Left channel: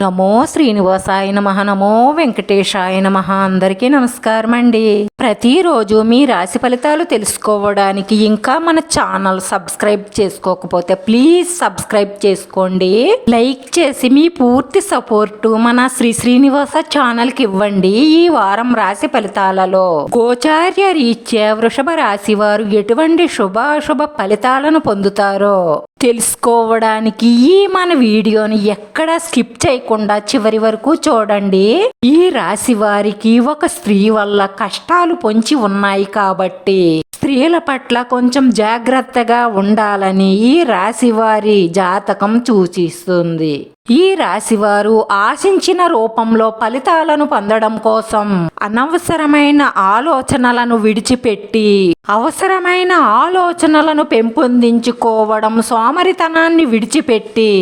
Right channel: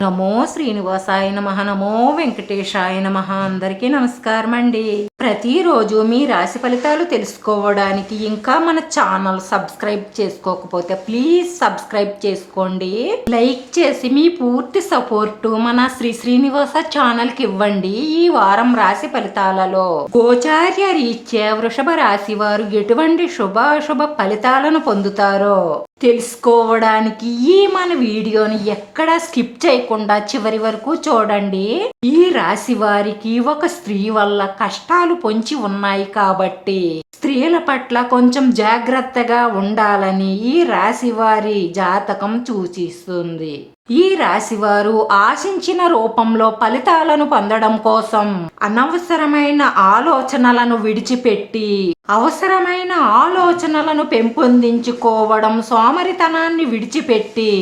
నమో శ్రీనివాసాయ నమః. నమో వెంకటేశాయ నమః. అందరికీ నమస్కారం అండి. ప్రతిరోజు మీ రాశి ఫలితాలు తెలుసుకోవడానికి ఇంకా మన ఛానల్ సబ్స్క్రైబ్ చేసుకోకపోతే ప్లీజ్ సబ్స్క్రైబ్ చేసుకోండి. లైక్ చేసి మీ పూర్తి సపోర్టు మన శ్రీనివాస ఛానల్ కి ఇవ్వండి. ఈ వారం రాశి ఫలితాలలో గోచార్య రీత్యా వృషభ రాశి వారు ఎటువంటి శుభాశుభ ఫలితాలను పొందుతారో తెలుసుకోవడానికి ఈ మన వీడియోని ఎక్కడా స్కిప్ చేయకుండా చివరి వరకు చూడండి. ఈ రాశి వారికి ఒక స్త్రీ వల్ల కష్టాలు పొంచి ఉన్నాయి కాబట్టి స్త్రీల పట్ల కొంచెం జాగ్రత్తగా ఉండాలని ఈ రాశి వారి జాతకం సూచిస్తుంది. ఈ రాశివారు ఆశించిన రూపంలో ఫలితాలను పొందడం కోసం అనవసరమైన ఆలోచనలను విడిచిపెట్టి అవసరమైన ఆలోచనలను పెంపొందించుకోవడం, సోమరితనాన్ని విడిచిపెట్టి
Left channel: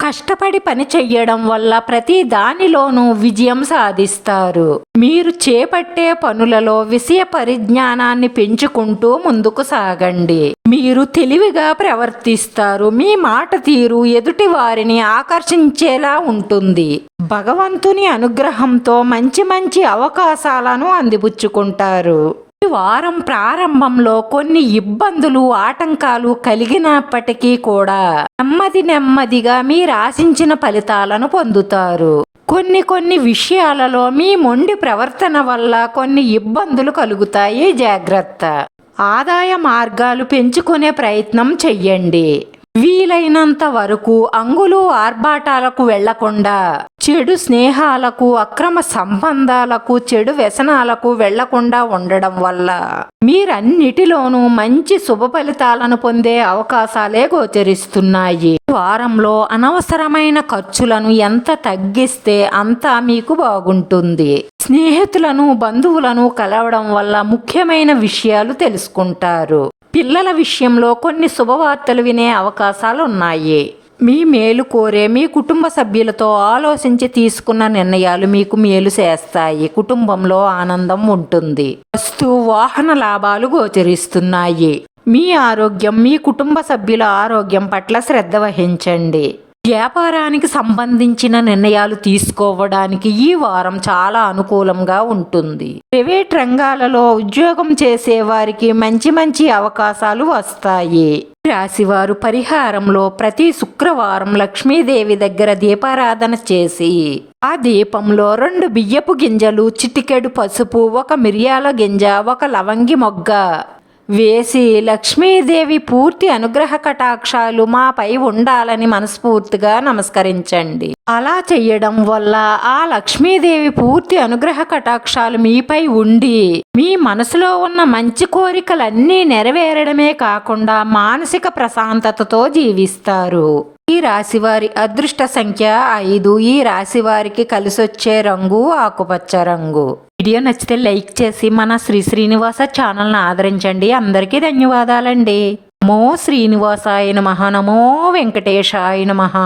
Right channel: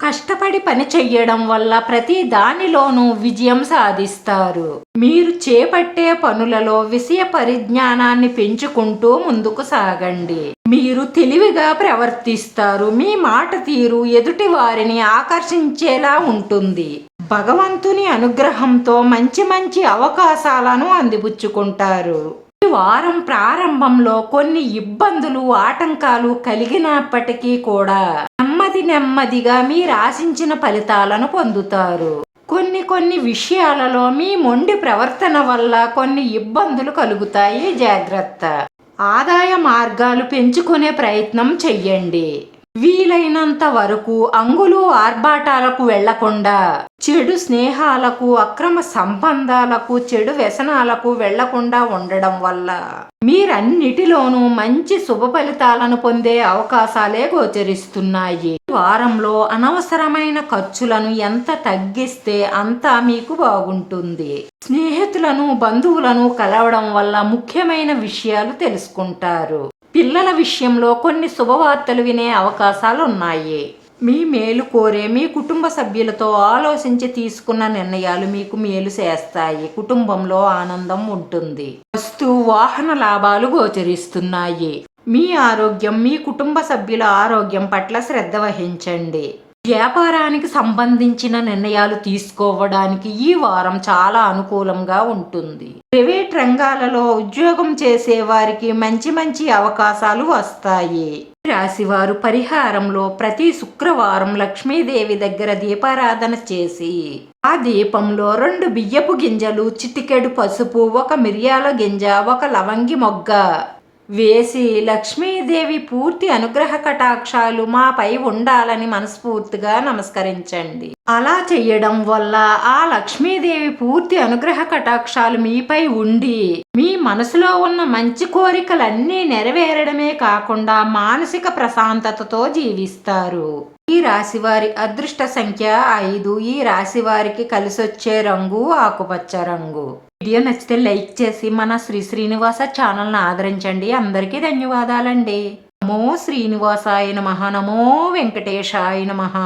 కష్టపడి పని చెయ్యడం వల్ల ప్రతి దానిలోనూ విజయం సాధిస్తారు. మీరు చేపట్టే పనులలో విషయ పరిజ్ఞానాన్ని పెంచుకుంటూ ముందుకు సాగండి. మీరు తెలివిగా ప్రవర్తిస్తారు. మీ మాట తీరు ఎదుటి వారిని ఆకర్షించేలా ఉంటుంది. భగవంతుని అనుగ్రహంతో మంచి మంచి అవకాశాలను అందిపుచ్చుకుంటారు. ఈ వారం ప్రారంభంలో కొన్ని ఇబ్బందులు, ఆటంకాలు కలిగినప్పటికీ కూడా నెమ్మదిగా మీరు ఆశించిన ఫలితాలను పొందుతారు. కొన్ని విషయాలలో మీ మొండి ప్రవర్తన వల్ల కొన్ని ఇబ్బందులు కలుగుతాయి. జాగ్రత్త. ఆదాయ మార్గాలు పెంచుకునే ప్రయత్నం చెయ్యండి. వీలైనంత వరకు అంగులు ఆర్భాటాలకు వెళ్లకుండా, చెడు స్నేహాలకు, అక్రమ సంబంధాలకు, చెడు వ్యసనాలకు వెళ్లకుండా ఉండడం వల్ల మీరన్నిటిలోనూ మంచి శుభ ఫలితాలను పొందే అవకాశాలే గోచరిస్తున్నాయి. వారంలో అనవసరమైన ఖర్చులను ఎంత తగ్గిస్తే అంత మీకు బాగుంటుంది. స్నేహితులను, బంధువులను కలవడం వల్ల ముఖ్యమైన విషయాలు తెలుసుకుంటారు. పిల్లల విషయంలో కొన్ని శుభవార్తలు వినే అవకాశాలు ఉన్నాయి. మీ మేలు కోరే మీ కుటుంబ సభ్యులతో ఆలోచించి తీసుకున్న నిర్ణయాలు మీకు మేలు చేస్తాయి. కుటుంబంలో ఆనందం ఉంటుంది. వస్తు వాహన లాభాలు గోచరిస్తున్నాయి. మీ ఆరోగ్యం, మీ కుటుంబ సభ్యుల ఆరోగ్యం పట్ల శ్రద్ధ వహించండి. వ్యాపారానికి సంబంధించిన నిర్ణయాలు తీసుకోవడానికి ఈ వారం చాలా అనుకూలంగా ఉంటుంది. ప్రైవేట్ రంగాలలో ఉద్యోగం చేసే వారికి మంచి అవకాశాలు వస్తాయి. రాశివారు పరిహారంలో ప్రతి శుక్రవారం లక్ష్మీదేవి దగ్గర దీపారాధన చేసి ఆ దీపంలో 2 బియ్యపు గింజలు, చిటికెడు పసుపు, 1 మిరియాల గింజ, 1 లవంగి మొగ్గ వేసి లక్ష్మీదేవి పూర్తి అనుగ్రహ కటాక్షాలు మాపై ఉండాలని మనస్ఫూర్తిగా నమస్కరించండి. అలా చెయ్యడం వల్ల ఆ లక్ష్మీదేవి పూర్తి అనుగ్రహ కటాక్షాలు మీపై ఉండి మీ మనసులో ఉన్న మంచి కోరికలన్నీ నెరవేరడమే కాకుండా మానసిక ప్రశాంతతతో జీవిస్తారు. ఈ రాశివారి అదృష్ట సంఖ్య 5. ఈ రాశివారికి కలిసొచ్చే రంగు ఆకుపచ్చ రంగు. వీడియో నచ్చితే లైక్ చేసి మన శ్రీనివాస ఛానల్ని ఆదరించండి. అందరికీ ధన్యవాదాలండి. నమో శ్రీనివాసాయ నమః. నమో వెంకటేశాయ నమః.